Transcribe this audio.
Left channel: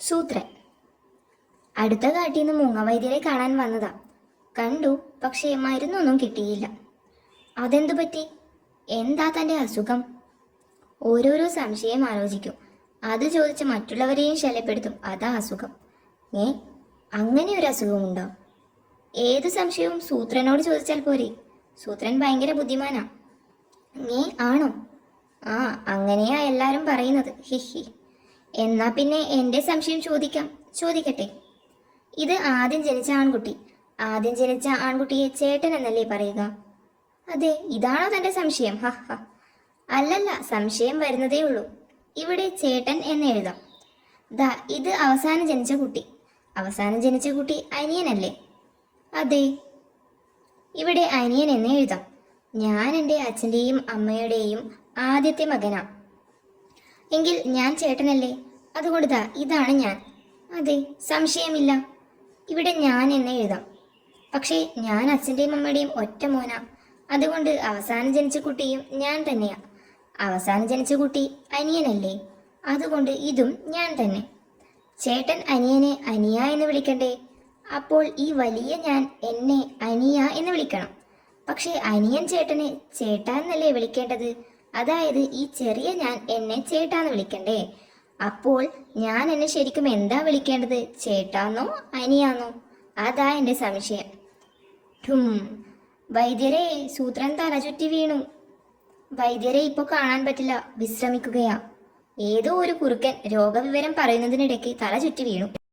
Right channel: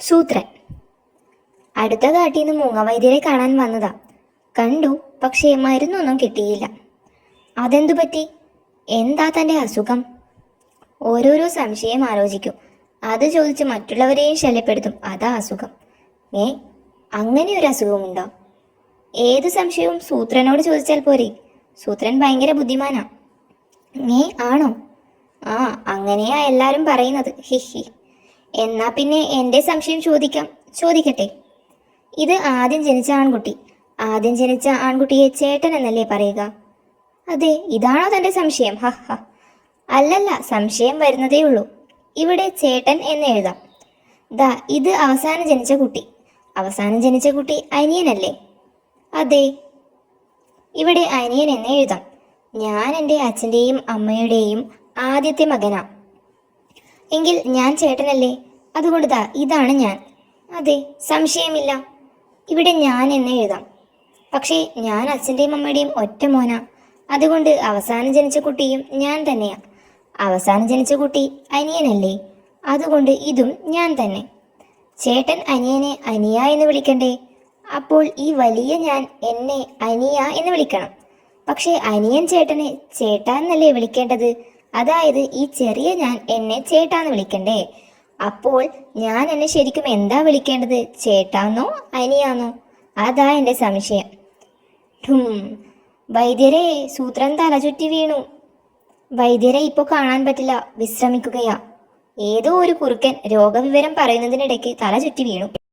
സൂത്രൻ അടുത്ത കാട്ടിൽ നിന്ന് മൂങ്ങവൈദ്യരെ കാണാൻ വന്നതാ. കണ്ടു, പക്ഷേ മരുന്നൊന്നും കിട്ടിയില്ല. അതെന്തു പറ്റി? എന്താ തൻ്റെ അസുഖം? ഓരോരോ സംശയം ആലോചിക്കും. അത് ചോദിച്ച് മറ്റുള്ളവരെയും ശല്യപ്പെടുത്തും. അതാ അസുഖം. ഏ, അങ്ങനെ ഒരു അസുഖമുണ്ടോ? ഏത് സംശയവും സൂത്രനോട് ചോദിച്ചാൽ പോരെ? സൂത്രൻ ഭയങ്കര ബുദ്ധിമാനാ. ഏ, ആണോ? ആ, അങ്ങനെയാ എല്ലാരും പറയുന്നത്. ഹിഹി. എന്നാ പിന്നെ എൻ്റെ സംശയം ചോദിക്കട്ടെ. ഇത് ആദ്യം ജനിച്ച ആൺകുട്ടി. ആദ്യം ജനിച്ച ആൺകുട്ടിയെ ചേട്ടൻ എന്നല്ലേ പറയുക? അതെ, ഇതാണോ തൻ്റെ സംശയം? ഹ ഹ. അല്ലല്ല, സംശയം വരുന്നതേ ഉള്ളൂ. ഇവിടെ ചേട്ടൻ എന്ന് എഴുതാം. ദാ, ഇത് അവസാനം ജനിച്ച കുട്ടി. അവസാനം ജനിച്ച കുട്ടി അനിയനല്ലേ? അതെ, ഇവിടെ അനിയൻ എന്ന് എഴുതാം. ഞാൻ എൻ്റെ അച്ഛൻ്റെയും അമ്മയുടെയും ആദ്യത്തെ മകനാ. എങ്കിൽ ഞാൻ ചേട്ടനല്ലേ? അതുകൊണ്ട് ദാ, ഇതാണ് ഞാൻ. അതെ, സംശയമില്ല. ഇവിടെ ഞാൻ എന്ന് എഴുതാം. പക്ഷേ ഞാൻ അച്ഛൻ്റെയും അമ്മയുടെയും ഒറ്റ മോനാ. അതുകൊണ്ട് അവസാനം ജനിച്ച കുട്ടിയും ഞാൻ തന്നെയാ. അവസാനം ജനിച്ച കുട്ടി അനിയനല്ലേ? അതുകൊണ്ട് ഇതും ഞാൻ തന്നെ. ചേട്ടൻ അനിയനെ അനിയ എന്ന് വിളിക്കണ്ടേ? അപ്പോൾ ഈ വലിയ ഞാൻ എന്നെ അനിയ എന്ന് വിളിക്കണം. പക്ഷേ അനിയൻ ചേട്ടനെ ചേട്ടാ എന്നല്ലേ വിളിക്കേണ്ടത്? അതായത് ഈ ചെറിയ ഞാൻ എന്നെ ചേട്ടാന്ന് വിളിക്കണ്ടേ? അപ്പോൾ ഞാൻ എന്നെ ശരിക്കും എന്താ വിളിക്കേണ്ടത്? ചേട്ടാന്നോ അനിയാന്നോ? അതാ എൻ്റെ സംശയം. വൈദ്യരെ, സൂത്രൻ തലചുറ്റി വീണു. വൈദ്യരെ ഇപ്പോൾ കാണാൻ പറ്റില്ല, വിശ്രമിക്കുകയാ. ഏതോ ഒരു കുറുക്കൻ രോഗവിവരം പറയുന്നതിനിടയ്ക്ക് തല ചുറ്റി വീണു.